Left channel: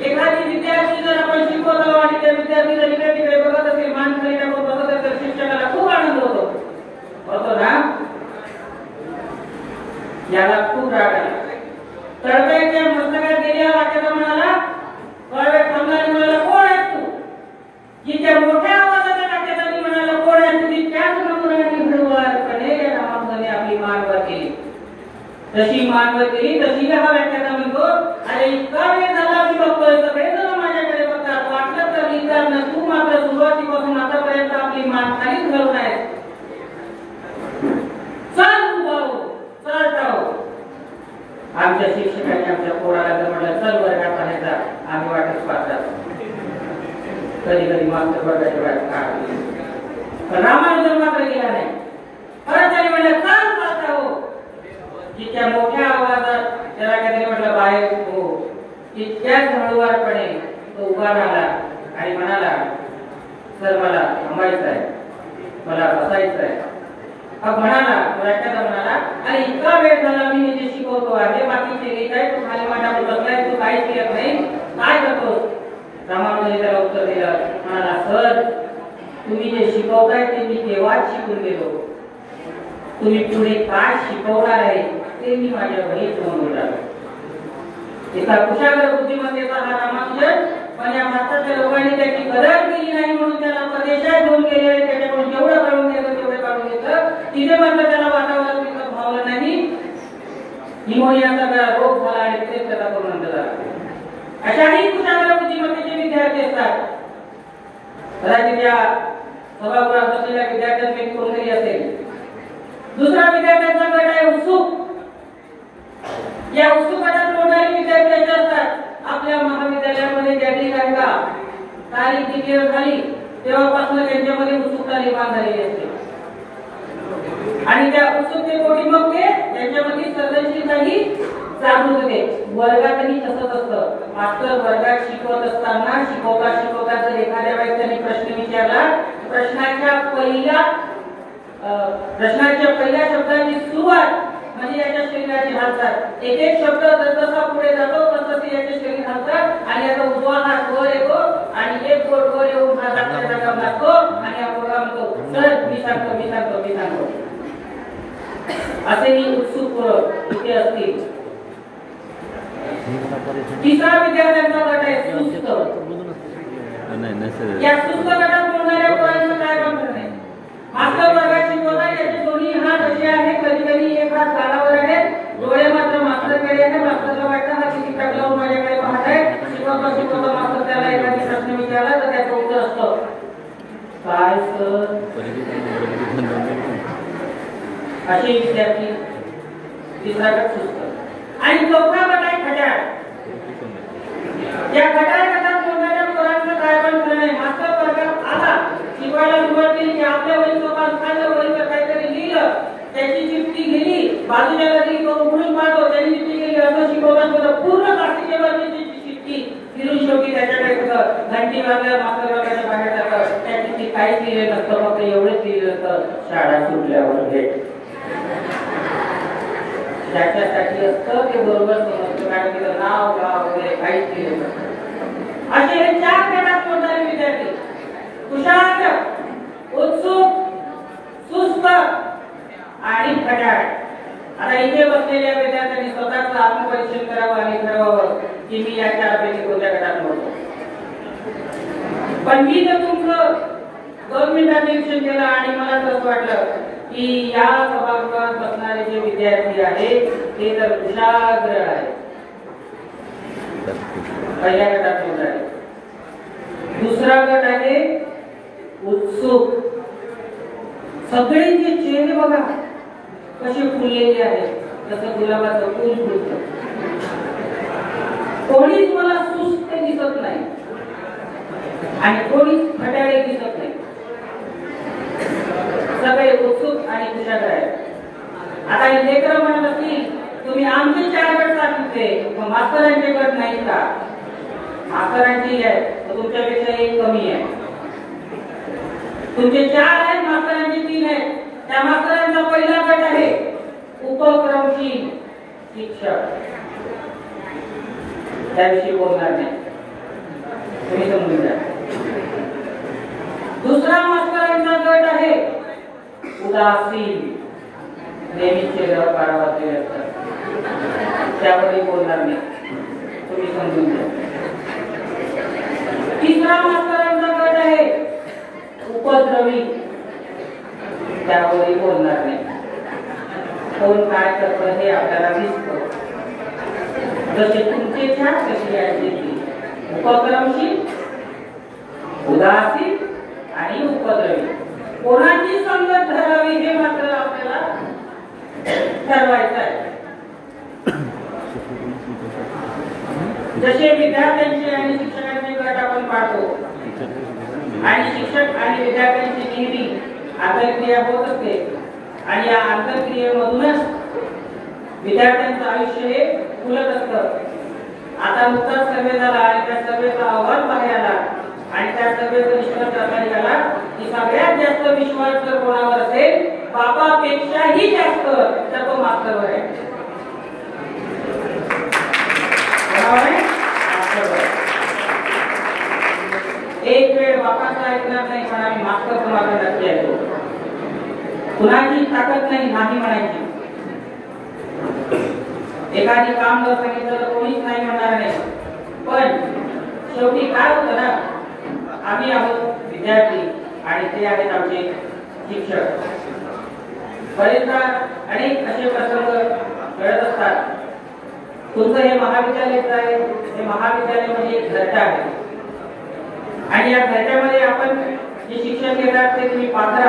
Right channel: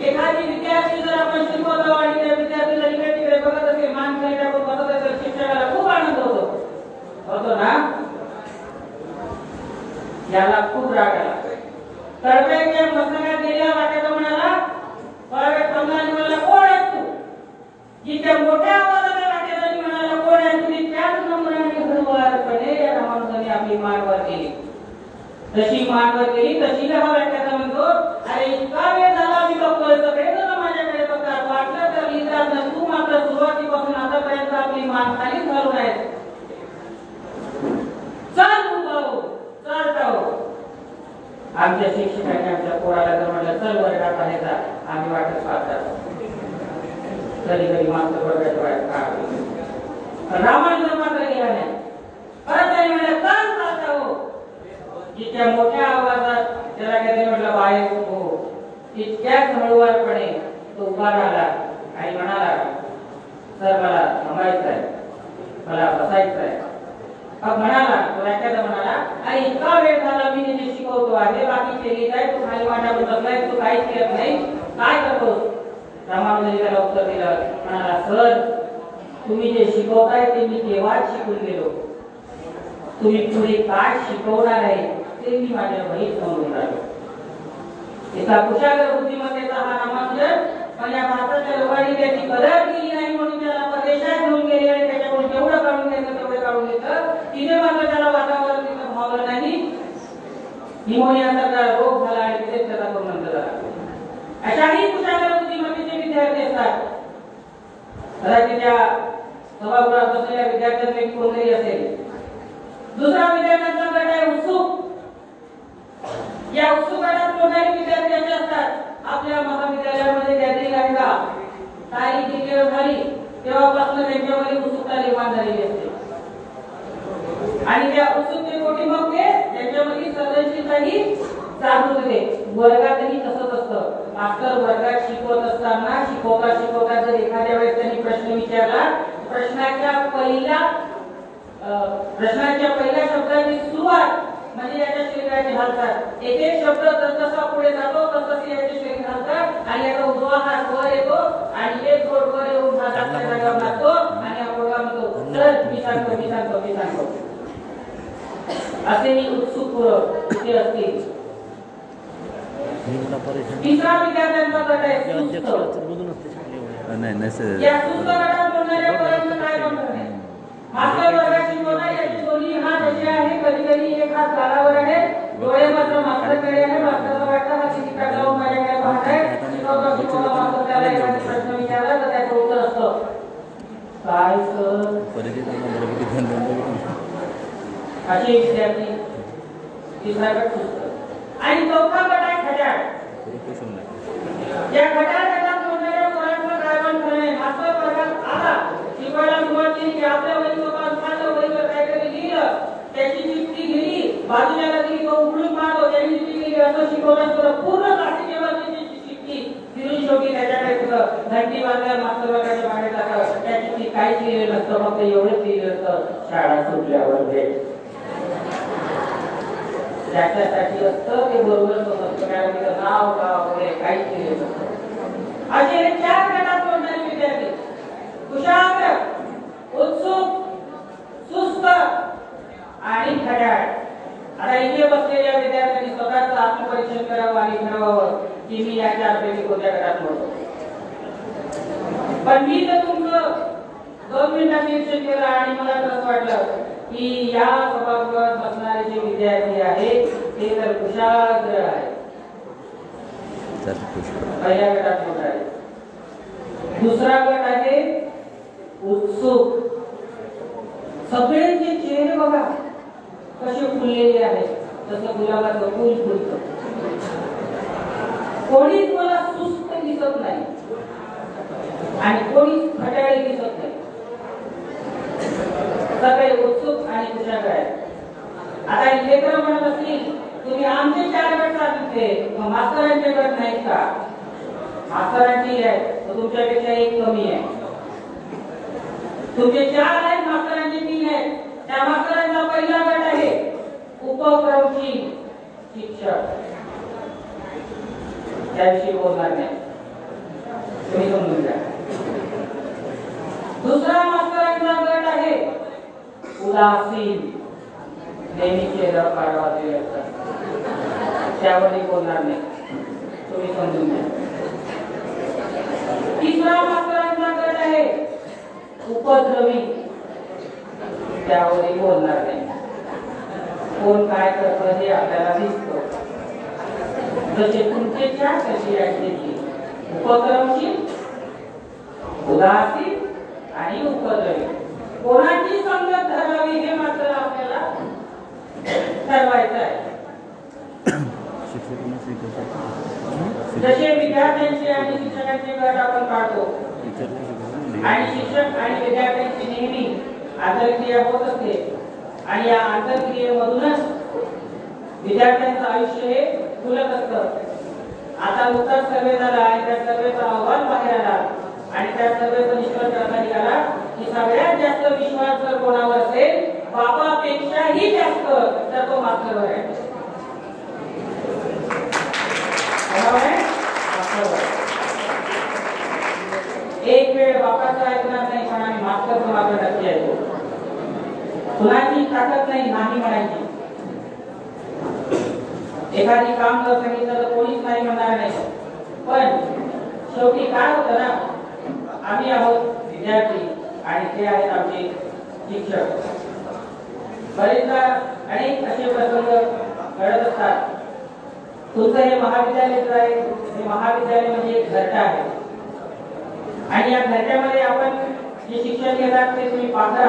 एखादी विद्यार्थी जर आपण शिकवतो आणि त्या विद्यार्थी जर इकडे तिकडे बघत असेल, मान खाली टाकून बघत असेल, शिक्षकाला खूप आनंद होतो ना? याला खूप राग आला. तळपाईच्या मस्तकात गेल्या वाक्याला म्हणाला, म्हणाला कोण आहेस तू? जिच्या मोठ्या आवाजाने वाक्याला म्हणाला कोण आहेस तू? त्याच नमुन्याने हळूवारपणे या नामांनी आपली मानवर केली. तशी मानवर केली तशी हा वाक्याला म्हणतो, अरे इतका वेळ झाला मी बघतोय, सगळेजण माझ्याकडे बघतात, वाटलं तर विचार न तू मात्र सुरुवातीपासून आतापर्यंत आपली मान खालीच घालून आहे. चल भाऊ, चल जाऊ. आमच्या शिक्षकांनी आमच्या पोराला जर म्हटलं चल वर्गात राहायचा, आम्ही वाटच पाहतात. कधी कधी मास्तर वर्गाची वाट पाहतो, पण रामानुजन मात्र गेला नाही. परत त्यांनी म्हटलं चल चालता हो. जितक्या मोठ्या आवाजात त्याला काहीतरी म्हटलं बाहेर हो, तितक्याच हळूवारपणे तो उभा राहिला आणि म्हणाला, सर मला थांबायचं आहे, मला बसायचं आहे. मग म्हणाला, व्याख्याता म्हणाला, अरे इतका वेळ झाला मी जे शिकवतो आहे, बाकीचे लिहित आहे, तू खाली मांडावर बसलाय, तू काहीच केलं नाही, काय करतोस? रामानुजन त्याला उत्तर दिलं, म्हणाला, सर तुम्ही जे शिकवताय ते मी तेव्हाच शिकून गेलो. तुम्ही पुढे काय शिकवणार आहे ते मी माझ्या वहीत नोंदवून राहिलो. एका कुशाग्र बुद्धिमत्तेचा हा रामानुजन, पण या भारताच्या लोकांनी त्याची कदर केली नाही म्हणून त्याला परदेशात घेऊन गेले आणि त्याच्याकडून जेवढं काढून घ्यायचं तेवढं काढून घेतलं. तिथे मात्र त्याला वातावरण तिथं भावलं नाही. निमोनियाचा रोग झाला आणि तिथे त्याला करून नंतर अशाही कुशाग्र बुद्धिमत्तेचे विद्यार्थी असतात. कदाचित या सभागृहात बसलेल्या विद्यार्थ्यांपैकी कोणतरी असेल. दुसरा विद्यार्थ्यांचा गट आहे उत्सुक. या उत्सुक गटात कोणताही विद्यार्थी असे असतात, आपल्या महाविद्यालयामध्ये गॅदरिंग आहे का, तारीख डिक्लेअर झाली तेव्हापासून त्यांच्यामध्ये उत्सुकता निर्माण झालेली असते आणि त्या उत्सुकतेपोटी मग ते त्यांच्यामध्ये सर्जनशीलताही जागृत होते. वर्गातही तसंच असतं. मास्तर वर्गात शिकवत असताना शिकवता जर एखाद्या व्यक्तीने प्रश्न विचारला, प्रश्नाच्या पहिल्या शब्दाची सुरुवात म्हणजे याच्या शरीराची हालचाल. एक एक शब्द जसा पुढे जातो तसं याचे शरीर हालतात आणि याचा उजवा हात वर येतो आणि एक बोट वर येऊन हा दाखल्या जागा लागतो आणि हा प्रोग्राम म्हणतो, सर मी सांगतो. असेही उत्सुक इथे असतील. तिसरा विद्यार्थ्यांचा गट आहे सुस्त. या सुस्त गटात बोलणाऱ्या पोरांचं काय काम करणे? मास्तर वर्गात शिकवता याचे दोन्ही हात असे आहे, कधी कधी एक हात गालावर आहे, डोळे मात्र मास्तरकडे आहे. मास्तरला वाटतं हा किती टाकलावून माझ्याकडे पाहत आहे. शिकवता मास्तर त्याला एखादी प्रश्न विचारला तर त्याचं उत्तर असतं, काय सर? असे विद्यार्थी. तिसरा गट सुस्त आणि चौथा गट आहे खट्याळ. या गटात बोलणाऱ्या पोरांचं काय पण करणे? मास्तर वर्गात आला, शिकवायला सुरुवात केली की आपल्या वहीसोबत खाल्लं, वहीवर काहीतरी लिहिलं, त्याची चिठ्ठी गेली, बाजूला दिली, तो उघडून पाहतो, त्याची चिठ्ठी गेली, असं शिकवताना पूर्ण कास्टिच्या वरची चिठ्ठी फिरून शेवटी त्याच्याकडे घंटी वाजल्या, मास्तर वर्गाच्या बाहेर जातं. त्या चिठ्ठी काहीच लिहिलं नसतं, फक्त एवढंच लिहिलं असतं, शाळा सुटल्यावर भेट. त्याच्यासाठी असतं ते बरोबर समजतं, कारण तिथं नाव गाव वगैरे काहीच लिहिलं नसतं. असे हे 4 गटात कोणताही विद्यार्थी कुशाग्र, उत्सुक, सुस्त आणि खट्याळ. आता इथे बसलेल्या विद्यार्थ्यांनी स्वतःचं आत्मपरीक्षण करावं आणि ठरवावं की मी या 4पैकी कोणत्या गटात मोडतो. पण मी जर तुमचं 2 मिनिटात निरीक्षण केलं आणि मला असं वाटलं की या सभागृहात बसणारे जे विद्यार्थी आहेत ते तर कुशाग्र आहेत, पहिल्या गटात मोडणार आहे. दुसरा गट आहे उत्सुक. सगळ्यांचे चेहरे बघा कसे फुललेले आहेत, जसं गुलाबाचं फूल फुलतं. कोणीच मला सुस्त दिसत नाही आणि कोणीच खट्याळे दिसत नाही. सगळे उत्सुक आणि कुशाग्र आहेत. आता हे लेकरं म्हणत असतील तुम्ही आमचे 4 गट सांगितले, मग मास्तरांचे गट नाही का? मास्तरांची आहे तर तुमच्यापेक्षा 1 कमी आहे. तुमचे 4 आहेत, मास्तरांचे 3 आहेत. त्या मास्तरांचा पहिला गट आहे उपक्रमशील शिक्षक. त्याविषयी बोलणार नाही. तिसरा मास्तरांचा गट आहे उपद्रवी. त्यावरही बोलणार नाही. कोण काय करतं हे आपल्याला दिसतं. जसे तुमचे चार कशी आहे उपक्रमशील, उदासीन आणि उपद्रवी. कोणाची संगत धरावी हे मात्र आपल्याला ठरवायचं आहे. जसे विद्यार्थ्यांचे आणि शिक्षकांचे गट आपण पाहतो आणि शिक्षक आणि विद्यार्थ्यांची नेहमी आंतरक्रिया होत असते आणि या आंतरक्रियेमधूनच विद्यार्थ्यांचं आयुष्य हे फुलत असतं. आता नुकताच सर्वे झाला आणि त्या सर्वेचा अहवाल बाहेर आला आणि त्या सर्वेचा निष्कर्ष असा निघाला की सगळ्यात जास्त विश्वास जर कोणावर असेल बापापेक्षाही जास्त तर तो मास्तरवर आहे. एक वेळ बापाचा ऐकणार नाही पण आम्ही मास्तर तुम्हाला नक्की ऐकतो. कुणाची ताकद नाही म्हणायची. एखादी काम जर सांगितलं तर कोणीच नाही म्हणणार नाही. पण शेवटी काय होतं ना, आम्ही आहोत विद्यार्थी आणि ते आहेत आमचे शिक्षक. बरेचदा अनेक असे प्रसंग घडत असतात. तुमचं हे महाविद्यालय आहे, हे महाविद्यालय म्हणजे एक घरटा आहे आणि या घरट्यामध्ये आपण जे शिक्षण घेतात ते तुम्ही पाहता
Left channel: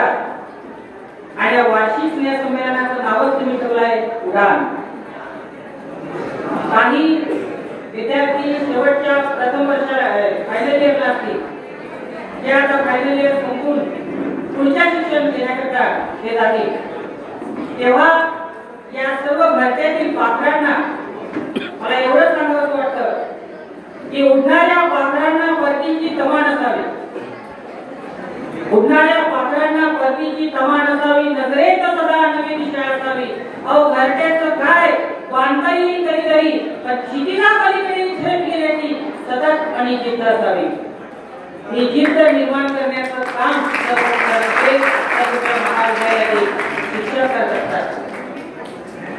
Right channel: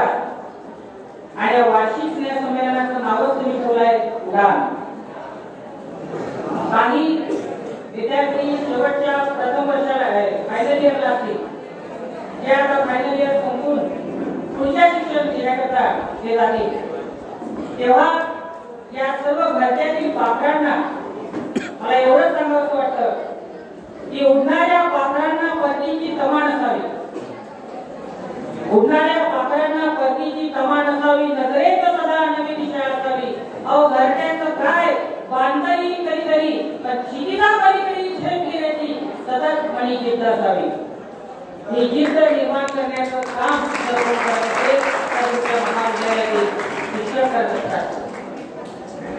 आणि या वार्षिक स्नेहसंमेलनाचं नावच तुम्ही ठेवलं आहे उडान. काही विद्यार्थी शेवटच्या प्रथम वर्षाला फायनल इयरला असतील, ते आता फायनल इयर संपून पुढच्या शिक्षण घेण्याकरता ते जातील. तेव्हा या सर्व घरट्यातील पाखरांना मला एवढं सांगावं वाटतं की उडणाऱ्या पाखरांना परतीची तमा नसावी. उडणाऱ्या पाखरांना परतीची तमा नसावी. नजरेत सदा नवी दिशा असावी. अहो घरट्याचं काय बांधता येईल कधीतरी पण क्षितिजा पलीकडे झेप घेण्याची सतत आणि जिद्द असावी. ही जिद्द निर्माण करण्याचं काम महाविद्यालयातील शिक्षक करत असतात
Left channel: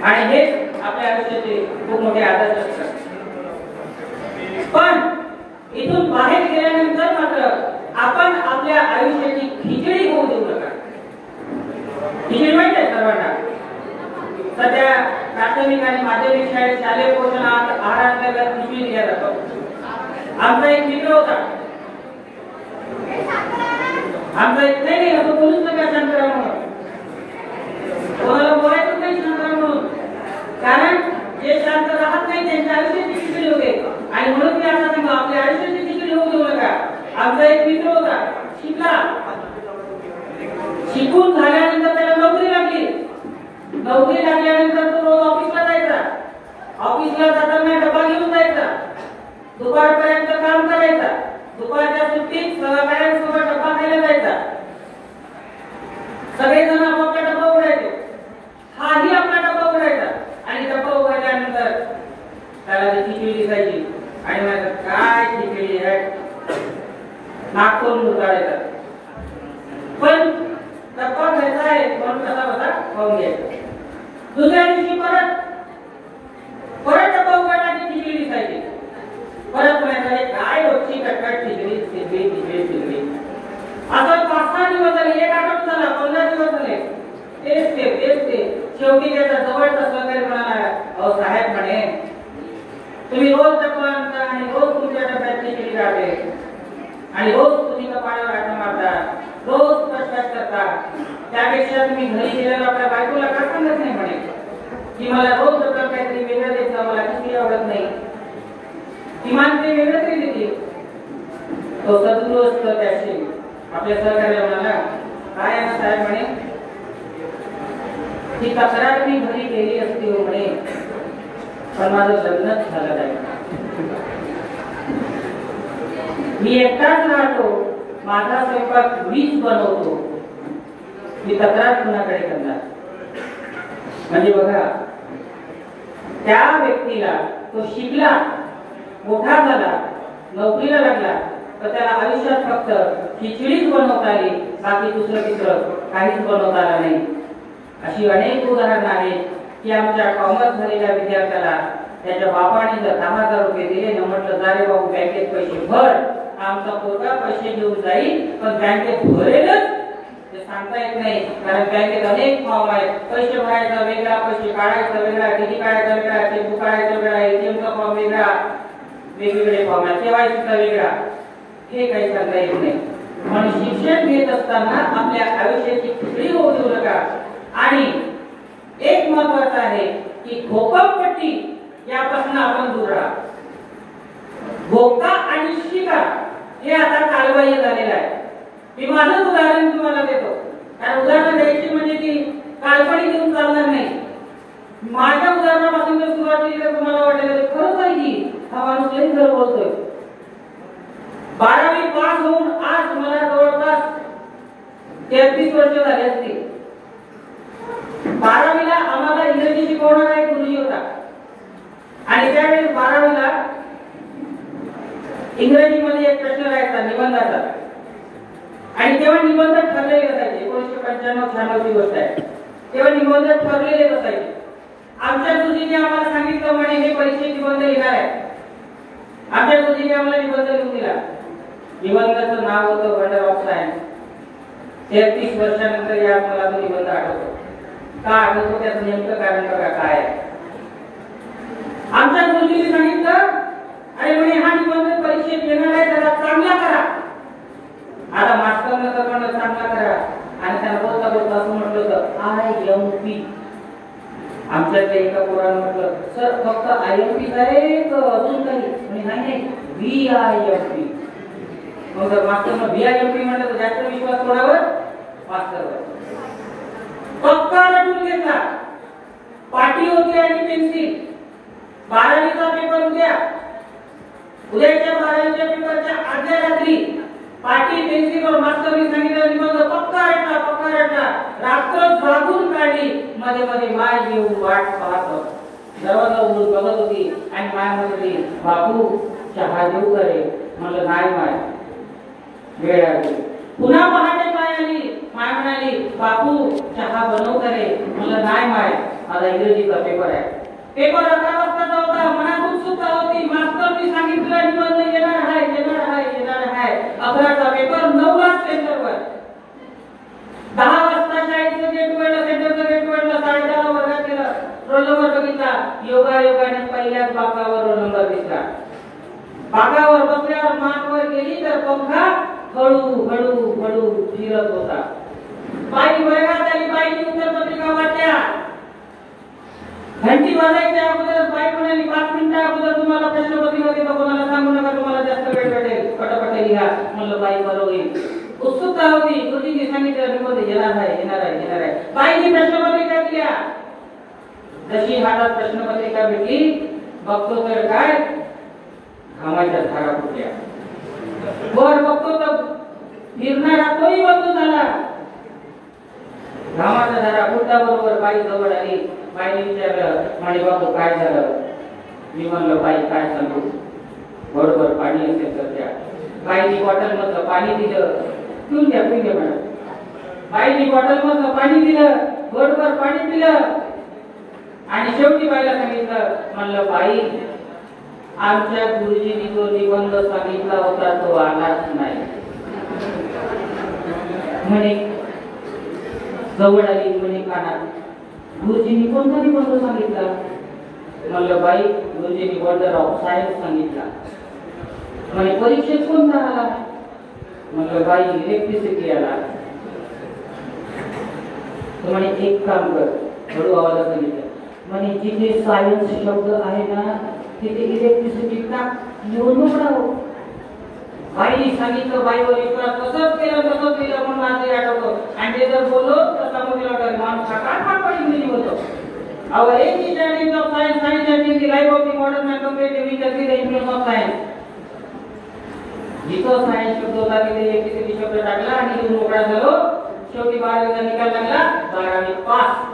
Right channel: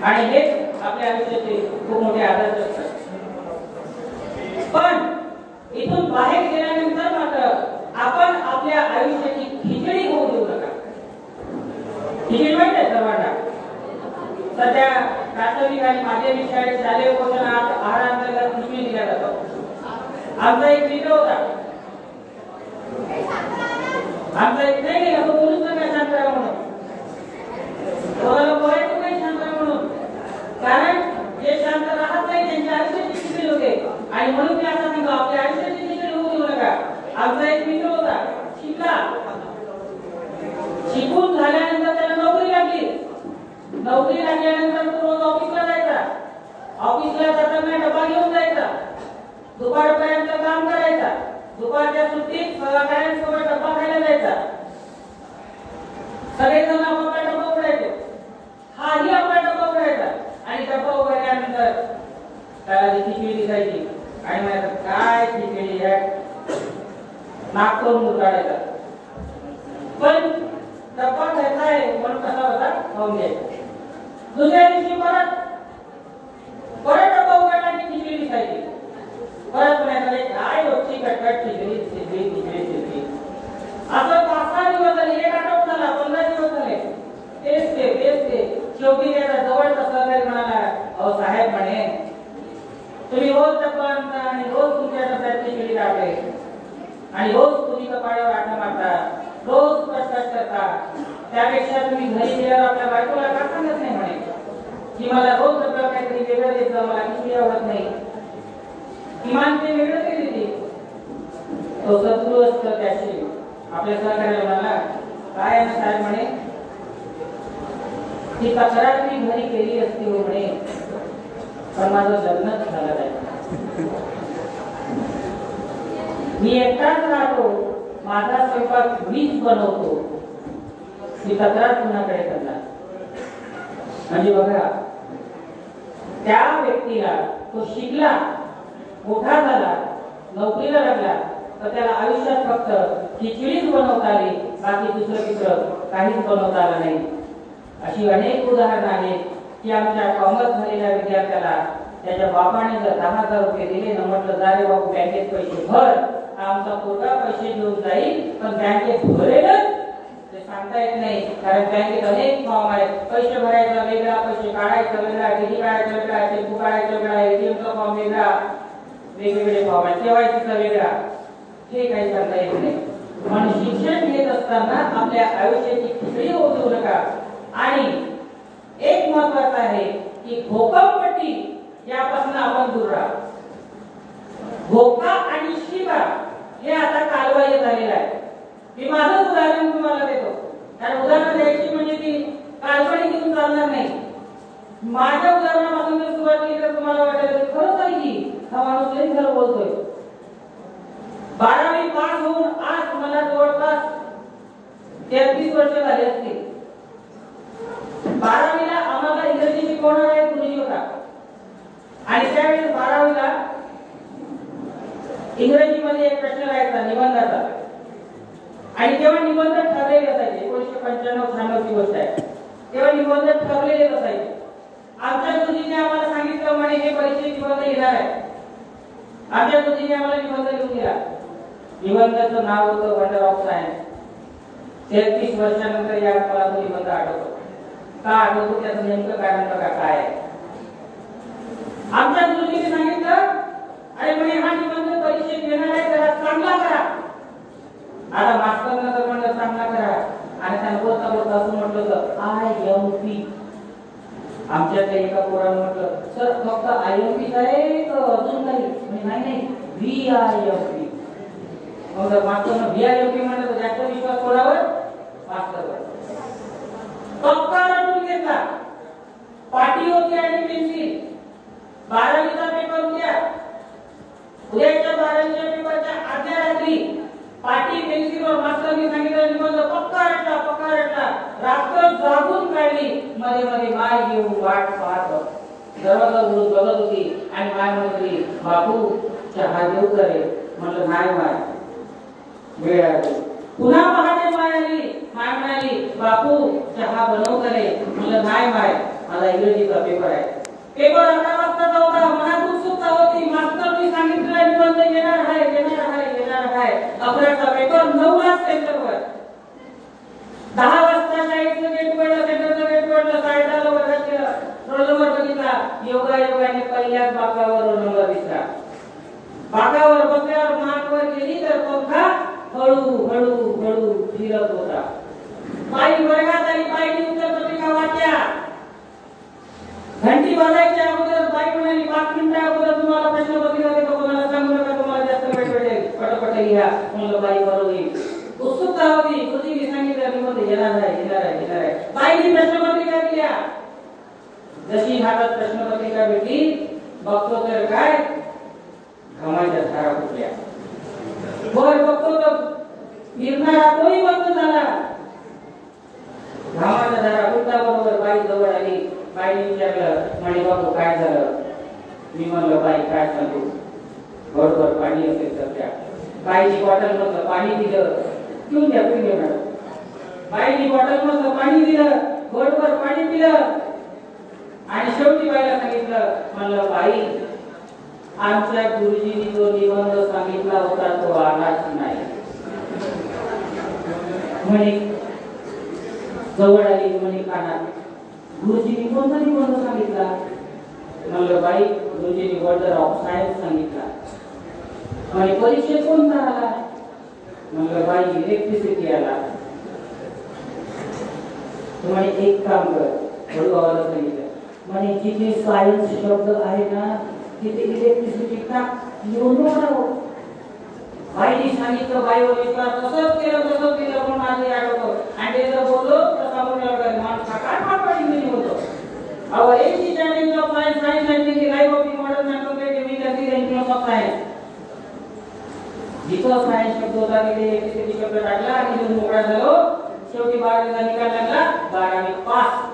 आणि हेच आपल्या आयुष्याचे खूप मोठे आदर्श असतात. पण इथून बाहेर गेल्यानंतर मात्र आपण आपल्या आयुष्याची खिचडी होऊ देऊ नका. खिचडी माहिती आहे सर्वांना. सध्या प्राथमिक आणि माध्यमिक शाळेत शालेय पोषण आहारांतर्गत पिशवी दिल्या जातो. आमचा एक मित्र होता. आमचा एक नाही असं बोलूच नका शांतरा म्हणून. कोणाला बोलायचं नाही शांतरा म्हणून. कारण जे शांत राहत नाही त्यांच्या आयुष्याची खिचडी होते आणि म्हणून मी आता सांगतो आपल्या आयुष्याची खिचडी होऊ देऊ नका. आमचा एक मित्र होता, शिकला. शिकून झाल्यानंतर त्याला नोकरी लागली. नोकरी लागल्यानंतर तो रोज ऑफिसला जायचा. ऑफिसला जाताना डबा घेऊन जायचा. दुपारपर्यंत काम करायचा. दुपारच्या सुट्टीत सहकाऱ्यांसोबत डबा खायला जायचा. सगळेजण आपापला डबा उघडायचे. हाही आपला डबा उघडायचा आणि डबा उघडल्यानंतर त्याला ती खिचडी दिसायची आणि म्हणायचं काय खिचडी आहे, नाक करून उतारायचा. पण डबा खायचा आहे म्हणून कसा बसा खाऊन घ्यायचा. दुसऱ्या दिवशी परत डबा उघडला की खिचडी दिसायची. परत म्हणायचं काय रोजची कटकट खिचडी खिचडी खिचडी खिचडी. असं 5-6 दिवस झाले, 1 आठवडा झाला, 15 दिवस झाले, तेच ते. शेवटी त्याचा जवळचा सहकारी म्हणाला, अहो साहेब म्हणे तुम्ही रोज डबा आणता आणि रोज तुमच्या डब्यात खिचडी राहते आणि रोज तुम्ही कपाळावर आटा मारता, रोज कष्ट करता. त्यापेक्षा तुम्ही घरी गेल्यावर आपल्या बायकोला का सांगत नाही म्हणे की मला रोज डब्यात काहीतरी वेगळं द्यायचं, मला खिचडी आवडत नाही. किमान ते वेगळं तरी देतील. तो सद्गुरू असतो त्याशी आपल्या सहकार्याला म्हणाला, काय आहे साहेब म्हणे ही तक्रार मी घरी केली असती हो म्हणे पण माझं लग्नच झालं नाही. मी एकटाच राहतो, माझा स्वयंपाक मीच बनवतो, मी तक्रार कुणाकडे करणार. म्हणजे बघा त्या व्यक्तीला तो शिकला, मोठा झाला, नोकरीला लागला तर त्याला आयुष्यात फक्त खिचडीच बनवता आली, बाकी दुसरं तिसरं काहीच बनवता आलं नाही. अशी अनेक उदाहरणं आहेत की आमच्या कॉमर्स झालेल्या विद्यार्थ्याला त्याच्या बापाने जर 10,000 रुपये दिले ना, म्हटलं जा रे बाबू बँकेत पैसे भर, आमचा पोरगा पैसे घेऊन जाईल, पण बँकेत भरेलच ते सांगता येत नाही. कारण बँकेत अनेक फॉर्म आहेत, पैसे भरायचा वेगळा, पैसे काढायचा वेगळा, डीडी काढायचा वेगळा, चेकबुक काढायचा वेगळा, एटीएमचा फॉर्म वेगळा, वेगवेगळे फॉर्म आहेत, केवायसीचा वेगळा, हे काही सांगता येत नाही. म्हणून शिक्षण घेत असताना आपल्या आयुष्याची खिचडी होऊ देऊ नका. आणि एक महत्वाचं आहे की घोकंपट्टी यापासून आपण दूर राहा. घोका आणि शिकार हे आता कालबाह्य झालेलं आहे. मी माझं उदाहरण तुम्हाला देतो, कारण उदाहरण द्यायची म्हणजे की काल्पनिक देऊन चालणार नाही. माझ्या उदाहरणापासून जर सुरुवात केली तर तुम्हाला वाटेल खरंच आहे की हा माणूस लई खरं बोलतोय. 12वी पास होऊन आज मला जवळपास 33 वर्ष झाली असतील. 12वीला आम्हाला इंग्रजी शिकवणारा एक गुरुजी होता आणि त्यावेळेस 12वीला इंग्रजीमध्ये एक प्रश्न राहायचा निबंधाचा, आणि तेव्हा निबंध ठरलेले असायचे. 1995-96 ची गोष्ट आहे. तेव्हा निबंध ठरलेले असायचे. आमच्या गुरुजीने आम्हाला सांगितलं म्हणे हे परीक्षेत निबंध लिहिणार आहे. आमच्या गुरुजीने आम्हाला निबंध लिहून दिला. निबंधाचं नाव होतं वंडर ऑफ सायन्स. 33 वर्षानंतर या मला तो निबंध आठवतो. का आठवतो त्याचं नेमकं कारण बघा काय आहे. आमच्या गुरुजीने सांगितलं अरे म्हणे हा निबंध परीक्षेत येणार आहे, त्याला चांगला करा. आता मास्टरने तर म्हणलं चांगला करा, आणि त्यांना बोलता बोलता असं म्हटलं होतं IMP. आमच्याकडे एका पोरानं म्हटलं सर फक्त IMP आहे तर अजून काही नाही VIMP. मग मास्टरनं VIMP म्हटलं तर जास्त विश्वास कोणावर? मास्टरवर. पक्का रटून घेतला. पाटी होती आणि पेन्सिल. 12वीचा पेपर उद्याच्या 12वीच्या पेपरच्या आदल्या रात्री पाटी पेन्सिलवर मास्टरने सांगितलं निबंध पक्का रटला. रात्र जागून काढली. मध्ये मध्ये माय येऊ वाट पाहत दरवाजा उघडून बघत होती आणि माय म्हणाली बापू चहा देऊ करे. म्हणलं नाही माय, वेळ आली. पुन्हा पहाटे माय आली. माय म्हणाली बापू चहा बनव करे. म्हणलं नाही माय, मला इंग्रजीचा पेपर आहे. पेपर 11 वाजता होता. मनात उत्सुकता होती. मास्टरनी सांगितलं निबंध येणार आहे. 11चा पेपर 9ला सेंटरवर. 10 वाजता शाळेचं गेट उघडलं, सेंटरचं गेट उघडलं. 10:30 वर्गात गेलं. रोल नंबर बघितला. योगायोगाने पहिल्याच बाकावर रोल नंबर दिसला. बाकावर बसल्यावर मान वर गेली तर पंखा हळू फिरत होता. बाई वर्गात आली. बाईने उत्तर पत्रिका वाचल्या. घंटी वाजायच्या अगोदर बाई म्हणाली 5 मिनिटं अगोदर तुम्हाला प्रश्नपत्रिका देतो, कोणाला सांगू नका, तुम्हाला जास्त वेळ भेटेल, पटापट लिहा. म्हणलं बाई बरोबर होईल. उत्सुकता होती. गुरुजींनी सांगितलं निबंध येणार आहे. बाईने प्रश्नपत्रिका दिल्या. जशी हातात प्रश्नपत्रिका भेटली बघतो तर काय घामाच्या धारा फुटल्या. वर बघतो तर फिरणारा तोही बंद झाला. घामाच्या धारा फुटल्याबरोबर बाई जवळ आली. बाईने विचारलं म्हणे बाबू काय झालं. मी म्हणलं बाई काय सांगू, बरोबर पाणी असेल तर द्या. बाईनी बॉटल मधलं पाणी दिलं. पिऊन द्या मॅडम. बाईनी बॉटल मधलं पाणी दिलं, बरोबर पाणी पिलं. आणि शेवटी बाईला सांगितलं म्हणलं बाई आमच्या गुरुजींनी जो निबंध सांगितला होता तो आलाच नाही. म्हणे जवळ आली. म्हणे कानात गुरुजींनी कोणता निबंध सांगितला. म्हणलं बाई गुरुजींनी वंडर ऑफ सायन्स सांगितला. म्हणे परीक्षेत कोणता आला. म्हणलं बाई इलेक्ट्रिसिटी आला. म्हणे एक काम कर, हळू आवाजात सांगितलं. म्हणे जिथे सायन्स शब्द आहे ना तिथे इलेक्ट्रिसिटी का लिहून नव्हतं. बाईनी सांगितलं. बाईवर विश्वास तसंच केलं म्हणून माझं आठवतं. आणि ते जर बोललो तर समोर माणूस काय इंग्रजी होतो. Our age is an age of science. Science has been the life of the modern man compared to we can see the influence of science. जिथं सायन्स शब्द होता तिथे इलेक्ट्रिसिटी शब्द टाकला आणि लिहून मोकळा झालो. शेवटी 12वीचा निकाल लागला. 12वी पास.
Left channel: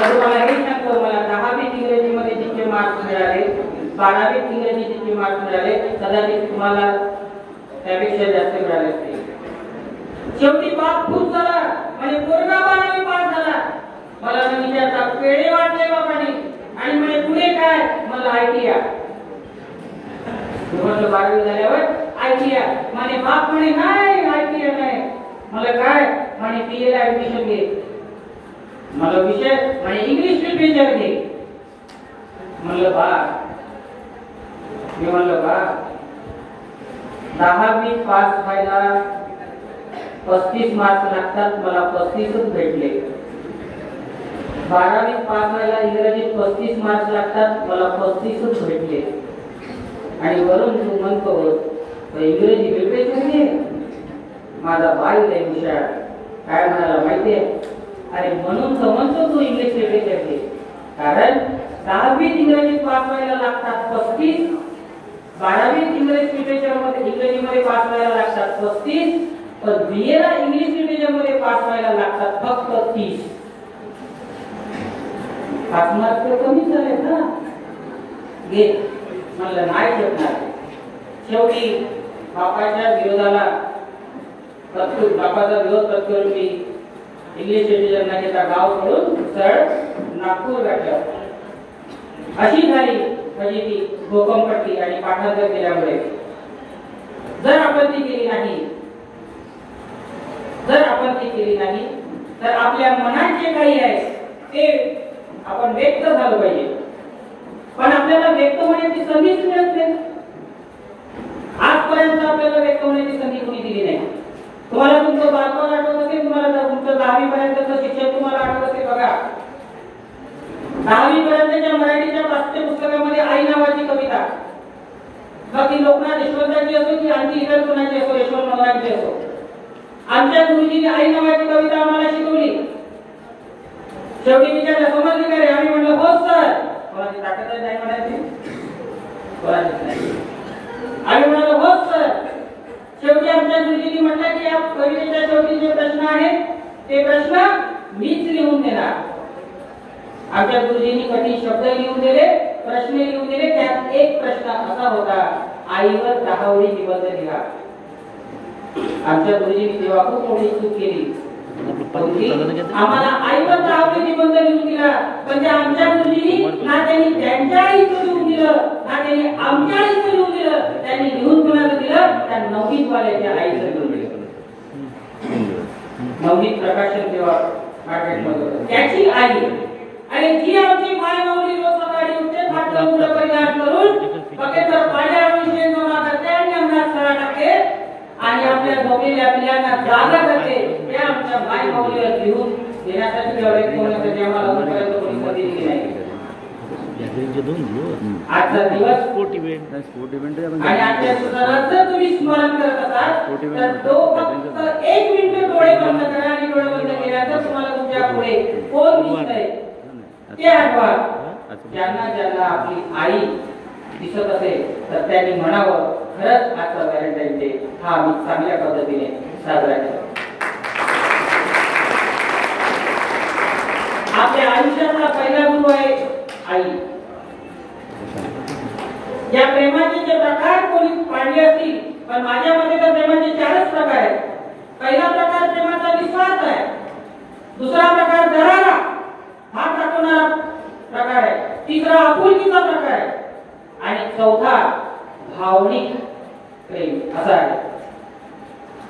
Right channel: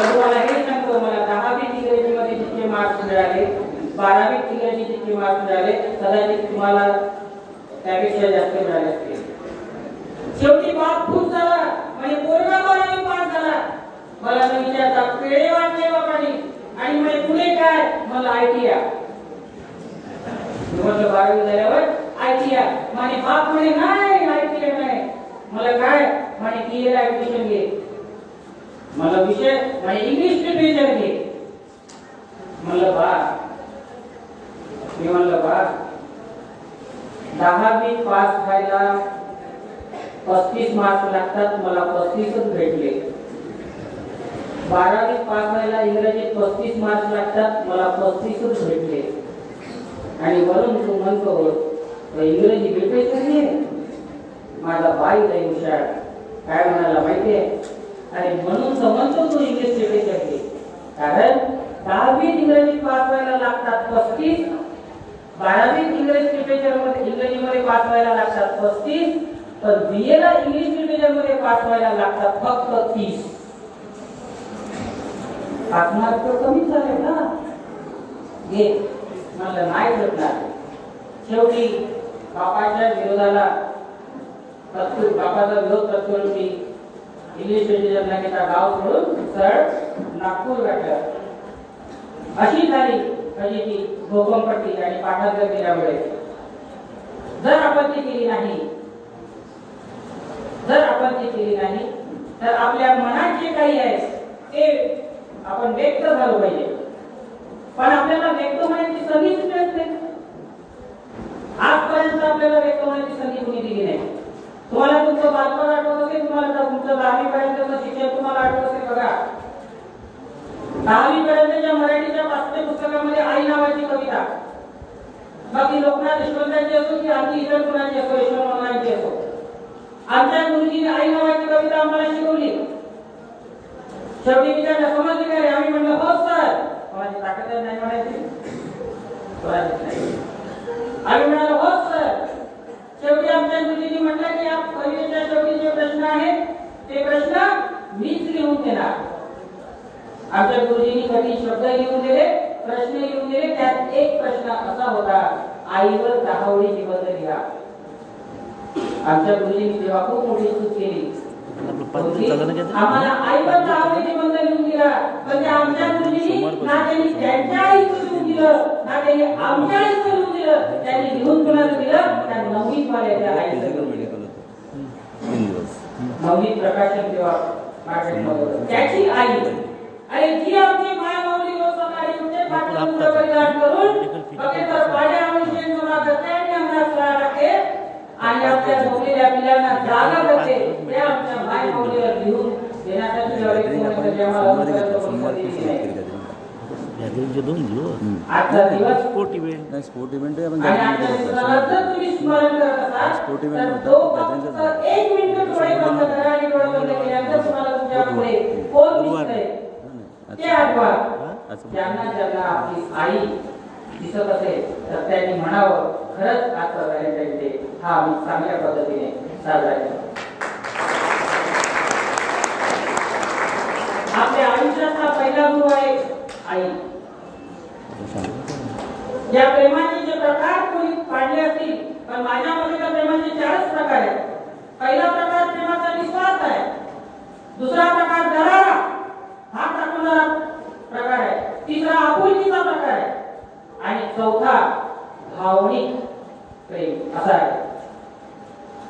तुम्हाला हे सांगतो, मला 10वीत इंग्रजीमध्ये जितके मार्क्स मिळाले, 12वीत इंग्रजी जितके मार्क्स मिळाले, कदाचित तुम्हाला त्यापेक्षा जास्त मिळाले असतील. शेवटी पास खूप झाला. म्हणजे पोरगा 12वी पास झाला. मला न विचारता पेढे वाटले बापाने आणि म्हणे पुढे काय? मला ITI. म्हटलं 12वी झाल्यावर ITI. म्हणे बाप म्हणे नाही ITI नाही. मला काय? म्हणे BA ला ऍडमिशन घे. मला विषय म्हणे इंग्लिश लिटरेचर घे. म्हणलं बा, मी म्हणलं बा 10वी पास व्हायला 35 मार्क्स लागतात, मला 35च भेटले. 12वी पास व्हायला इंग्रजीत 35 मार्क्स लागतात, मला 35च भेटले. आणि वरून तू म्हणतो इंग्रजी लिटरेचर घे. माझा बाई लय हुशार, काय म्हणाला माहितीये? अरे म्हणून समजतो तू इंग्लिश लिटरेचर घे, कारण 10वीत इंग्रजीत पास व्हायला लागतात 35, 12वीत इंग्लिश लिटरेचर मध्ये इंग्रजीमध्ये पास व्हायला लागतात 35, पण BA ला इंग्लिश लिटरेचर मध्ये पास व्हायला लागतात फक्त 30. 5 मार्क कमी झाले ना. घे म्हणलं नाही भेटणार. शेवटी बापाच्या विरोधाला बापाचा विरोध पत्करून मी इंग्लिश लिटरेचर न घेता गाव सोडून सरळ नागपूर गाठलं. अशी झाली फजिती, भोकमपट्टी आणि पाठांतर केल्यामुळे. जर आपण ती केली नाही, तर आपल्या मनात जे काही आहे ते आपण व्यक्त झालं पाहिजे. पण आपल्याला व्यक्त होण्याची संधीच मिळत नाही. आजपर्यंत आपल्याला व्यक्त होण्याची संधी कोणी दिली नाही. तुम्हाला तुमचं बालपण आठवत असेल, तुम्हाला तुमचं 10वी पर्यंतचं शिक्षण तुम्हाला आठवत असेल. बघा 10वी पर्यंतच्या मराठीच्या पाठ्यपुस्तकामध्ये आई नावाची कविता, बाकी लोकनाथ यशवंतांची असो की आणखी इतर कुणाची असो, यशवंत मंगळांची असो, आमच्या गुरुजींनी आई नावाची कविता आम्हाला शिकवली. शेवटी तिच्या समजली का रे? आम्ही म्हणलं हो सर. कोणाची ताकद नाही म्हणायची, कोणाची नाही. आम्ही म्हणालो हो सर. शेवटी आमच्या गुरुजींनी म्हटलं की या कवितेच्या शेवटी जे प्रश्न आहेत ते प्रश्न मीच लिहून देणार. आमच्या गुरुजींनी कधी शब्द लिहून दिले, प्रश्न लिहून दिले. त्यात एक प्रश्न असा होता, आईवर 10 ओळी निबंध लिहा. आमच्या गुरुजींनी तेव्हा खूप मोठी चूक केली. आम्हाला आईवर 10 ओळी निबंध लिहून दिला, पण आमच्या गुरुजींनी ना त्यांनी त्यांच्या आईचं लिहून दिलं, ना त्यांनी आमच्या आईचं लिहून दिलं. त्यांनी लिहून कुणाला दिलं? त्या 9वीत वाल्याच्या आईचं लिहून दिलं. 9वीत प्रकाशन तेव्हा मार्केटमध्ये त्याची आई. आणि जी आमची माय माऊली रोज सकाळी उठते, फाटलं मुलं परिधान करून बकेटर पाण्यावर विषय जमा करते आणि अंगात सळा टाकते आणि आपल्या झोपलेल्या पिल्यांना जागा करते. हे आमच्या माय माऊलीला लिहून देण्यासाठी होण्यासाठी आम्हाला अजूनपर्यंत पैसा दिली नाही. आजचा दिवस स्पोर्ट इव्हेंट आणि आजच्या दिवसाला जर तुम्ही स्मरण करत असाल तर तो फक्त 1 मिनिट डोळे बंद करा आणि डोळे बंद केल्यानंतर तुम्हाला तुमच्या पुढे कोण दिसतंय ते आठवा. ज्यांना आपली आई दिसत असेल तर त्यांनी म्हणावं खरंच आजचा व्हॅलेंटाईन डे हा आम्ही चांगल्या पद्धतीने साजरा केला. आपल्या आयुष्यातला पहिला गुरु आहे आई. या प्रेमाचे जे प्रकार कोणी पाडले असतील, पण माझ्या मते तर प्रेमाचे 4च प्रकार आहेत. पहिला प्रकार प्रेमाचा विश्वास आहे, दुसरा प्रकार दरारा हा टाकणारा प्रकार आहे, तिसरा आपुलकीचा प्रकार आहे आणि चौथा भावनिक प्रेम असा आहे.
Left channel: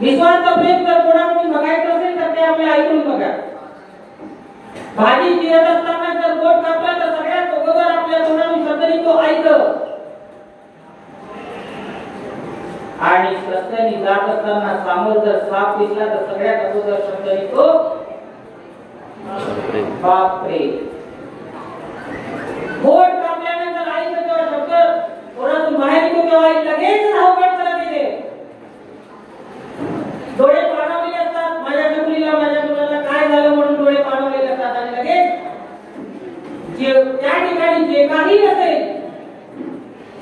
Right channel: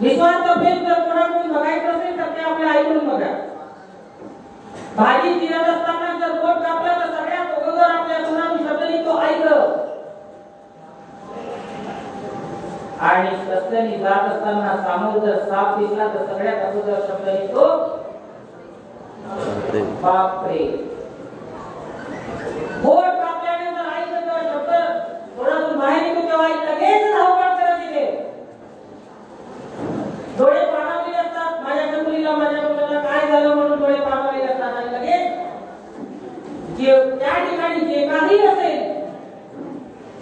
निस्वार्थ प्रेम जर कोणाकडून बघायचं असेल तर ते आपल्या आईकडून बघा. भाजी चिरत असताना जर बोट कापला तर सगळ्यात अगोदर आपल्या तोंडातून शब्द निघतो ऐक. आणि रस्त्याने जात असताना समोर जर साप दिसला तर सगळ्यात अगोदर शब्द निघतो बापरे. बोट कापल्यानंतर आईचा जेव्हा शब्द तोंडातून बाहेर निघतो तेव्हा आई लगेच धावपळ करत येते. डोळे पाणावलेले असतात. माझ्या मुलीला माझ्या मुलाला काय झालं म्हणून डोळे पाणावलेले असतात आणि लगेच जे त्या ठिकाणी जे काही असेल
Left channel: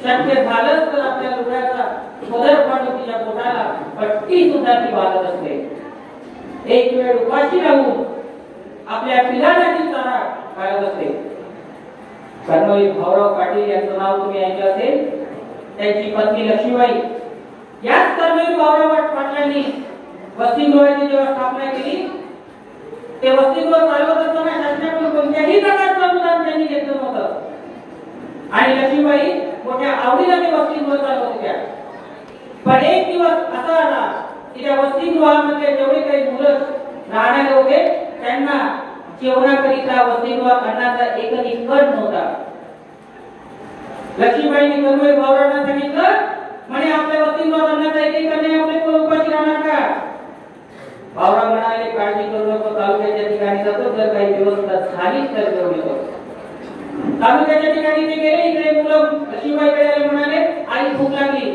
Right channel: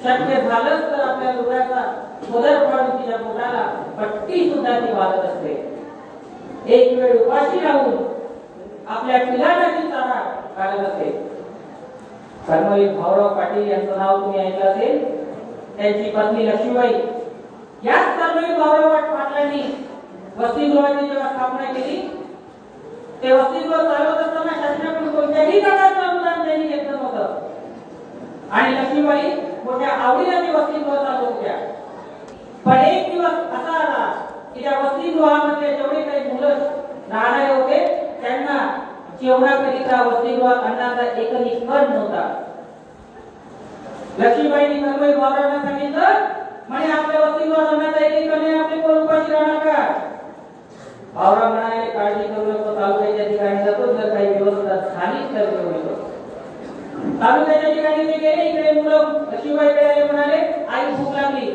शक्य झालंच तर आपल्या डोळ्याचा पदर पाडून तिच्या पोटाला पट्टी सुद्धा ती बांधत असते. एक वेळ उपाशी राहून आपल्या पिलाला ती चारा काढत असते. कर्मवीर भाऊराव पाटील यांचं नाव तुम्ही ऐकलं असेल. त्यांची पत्नी लक्ष्मीबाई. याच कर्मवीर भाऊराव पाटलांनी वसतिगृहाची जेव्हा स्थापना केली ते वसतिगृह चालवत असताना शासनाकडून कोणत्याही प्रकारचं अनुदान त्यांनी घेतलं नव्हतं आणि लक्ष्मीबाई मोठ्या आवडीने ते वसतिगृह चालवत होत्या. पण एक दिवस असा आला की त्या वसतिगृहामध्ये जेवढे काही मुलं राहणारे होते त्यांना जेवणाकरिता वसतिगृहात अन्नाचा एकही कण नव्हता. लक्ष्मीबाईंनी कन्वे गौरवांना सांगितलं म्हणे आपल्या वसतिगृहात अन्नाचा एकही कण नाही, आपले कोण उपाशी राहणार का? भाऊराव म्हणाले काळजी करू नको, तालुक्याच्या ठिकाणी जातो, जर काही व्यवस्था झालीच तर घेऊन येतो. तालुक्याच्या ठिकाणी ते गेले. इकडे मुलं लक्ष्मीबाईकडे आले, म्हणाले आई भूक लागली.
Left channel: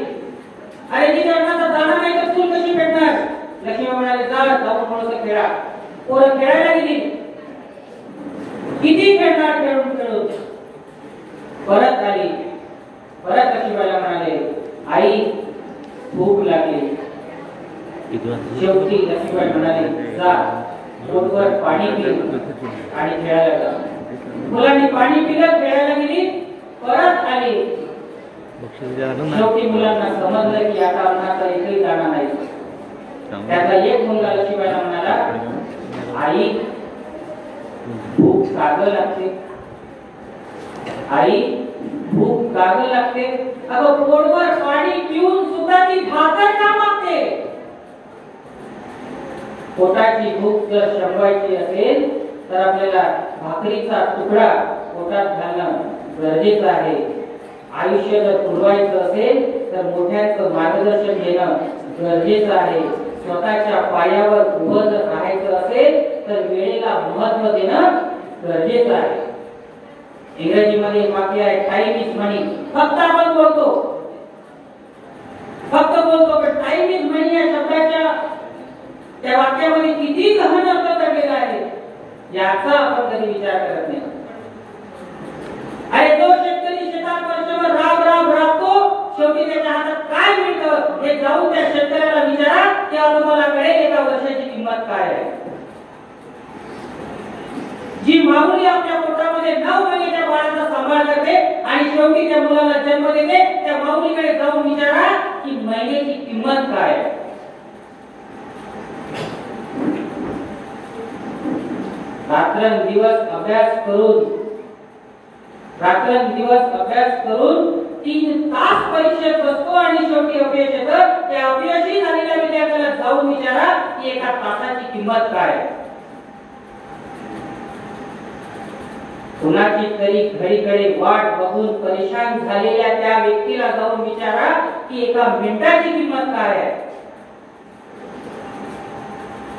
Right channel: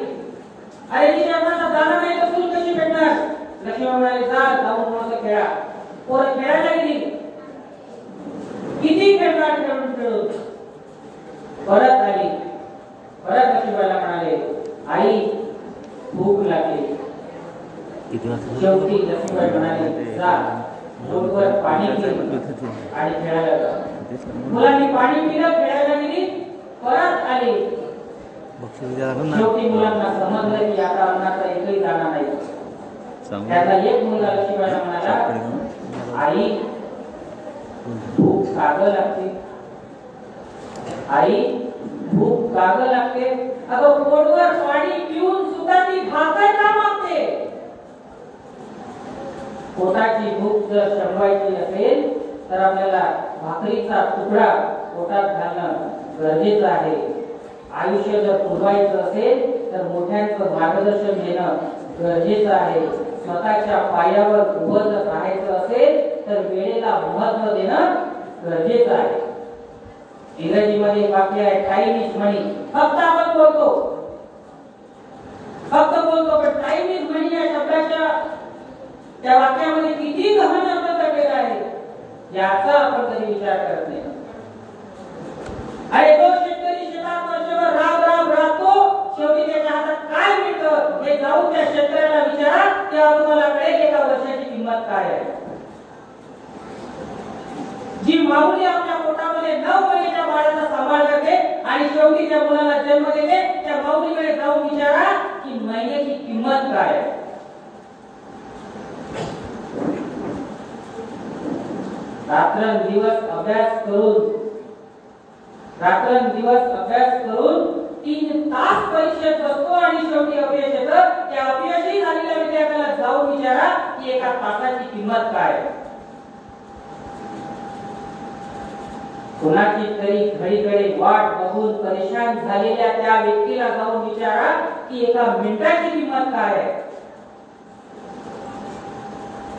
अरे तिच्या अन्नाचा दाणा नाही तर चूल कशी भेटणार? लक्ष्मीबाई म्हणाले जा जाऊन थोडंसं खेळा. पोरं खेळायला गेली. किती खेळणार खेळून परत आली. परत लक्ष्मीबाईला म्हणाले आई भूक लागली. शेवटी लक्ष्मीबाई म्हणाले जा पोटभर पाणी पी आणि खेळायला जा. मुलांनी पाणी पिलं, खेळायला गेली, परत आली. शेवटी मुलांना समजलं की आता मनाचा एकही दाणा नाही. त्याचा एक मुलगा लक्ष्मीबाईला म्हणाला आई भूक काग लागते, आई भूक काग लागते. अगं पोटभर पाणी पिऊन सुद्धा ती भाकर का मागते? पोटाची भूक जर शमवायची असेल तर आपल्याला भाकरीचा तुकडा पोटात घालणं गरजेचं आहे. आयुष्य जर पुरवायचं असेल तर मोठ्यांचं मार्गदर्शन घेणं गरजेचं आहे. स्वतःच्या पायावर उभं जर राहायचं असेल तर वेळेला महत्त्व देणं गरजेचं आहे. इंग्रजीमध्ये वाक्य आहे टाइम इज मनी. फक्त आपण बोलतो पण टाइम इज मनी या शब्दाच्या त्या वाक्यामध्ये किती गहन अर्थ दडलेला आहे याचा आपण कधी विचार करत नाही. अरे तो शेतकरी शेतात वर्षभर राबतो, शेवटी त्याच्या हातात काय मिळतं हे जाऊन त्या शेतकऱ्याला विचारा, तेव्हा तुम्हाला कळेल एका वर्षाची किंमत काय आहे. जी माऊली आपल्या पोटामध्ये 9 महिन्याच्या बाळाचा सांभाळ करते आणि शेवटी त्या मुलाला जन्म देते, त्या माऊलीकडे जाऊन विचारा की महिन्याची किंमत काय आहे. रात्रंदिवस अभ्यास करून 3 तास परीक्षेत बसतो आणि शेवटी अपयश येतं. त्या अपयशी झालेल्या विद्यार्थ्याला जाऊन विचारा की एका तासाची किंमत काय. कुणाची तरी घडीकडे वाट बघून परेशान झालेल्या त्या व्यक्तीला जाऊन विचारा की एका मिनिटाची किंमत काय आहे.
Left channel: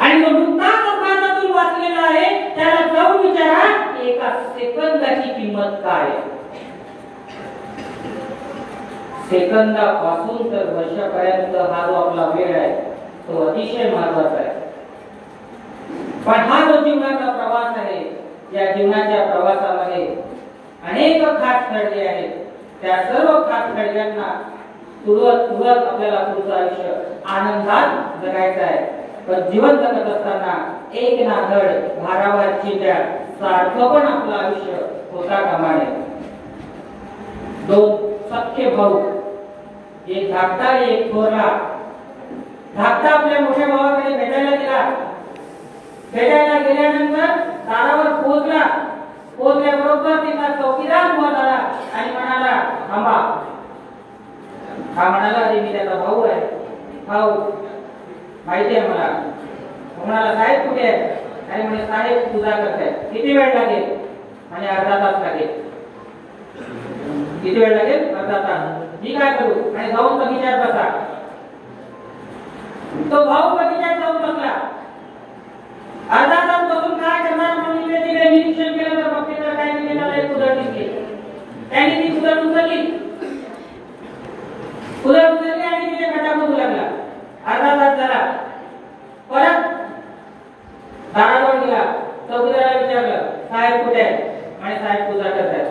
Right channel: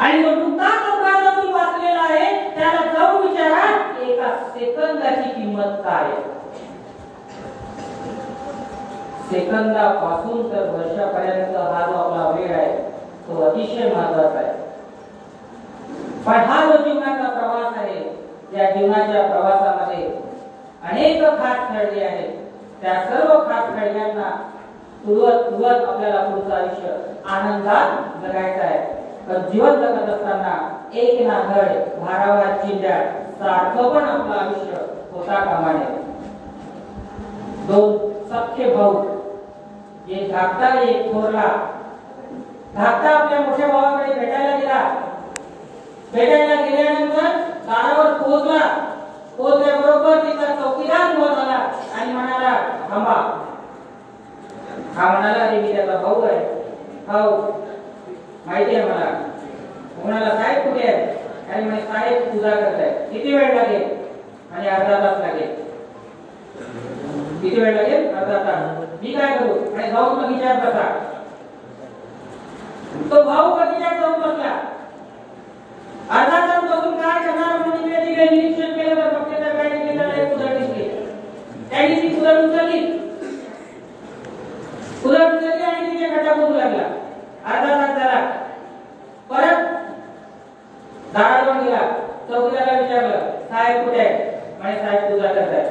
आणि जो नुकताच अपघातातून वाचलेला आहे त्याला जाऊन विचारा की एका सेकंदाची किंमत काय. सेकंदापासून तर वर्षापर्यंत हा जो आपला वेळ आहे तो अतिशय महत्वाचा आहे. पण हा जो जीवनाचा प्रवास आहे या जीवनाच्या प्रवासामध्ये अनेक खास खळगे आहेत. त्या सर्व खास खळग्यांना तुडवत आपल्याला पुढचं आयुष्य आनंदात जगायचं आहे. पण जीवन जगत असताना एक ना धड भारावर चिंध्या सारखं पण आपलं आयुष्य होता कामा नये. 2 सख्खे भाऊ, एक धाकटा एक थोरला. धाकटा आपल्या मोठ्या भावाकडे भेटायला गेल्यानंतर दारावर पोहोचल्याबरोबर तिचा चौकीदार उभा झाला आणि म्हणाला थांबा. हा म्हणाला अरे मी त्याचा भाऊ आहे. भाऊ माहिती आहे मला. म्हणाला साहेब कुठे आहे? आणि म्हणे साहेब पूजा करताय. किती वेळ लागेल? आणि अर्धा तास लागेल. किती वेळ लागेल? अर्धा तास. मी काय करू? आणि जाऊन बगीच्यात बसा. तो भाऊ बगीच्यात जाऊन बसला. अर्धा तास बसून काय करणार म्हणून तिकडे निरीक्षण केलं तर मग त्याला काय केलं, त्याला एक उदाहरण दिसले. त्यांनी ती उदाहरण उचलली आणि तिने गड्डा करू लागला. अर्धा तास झाला. परत दारावर गेला. चौकीदाराला विचारलं साहेब कुठे आहे? आणि साहेब पूजा करतायत.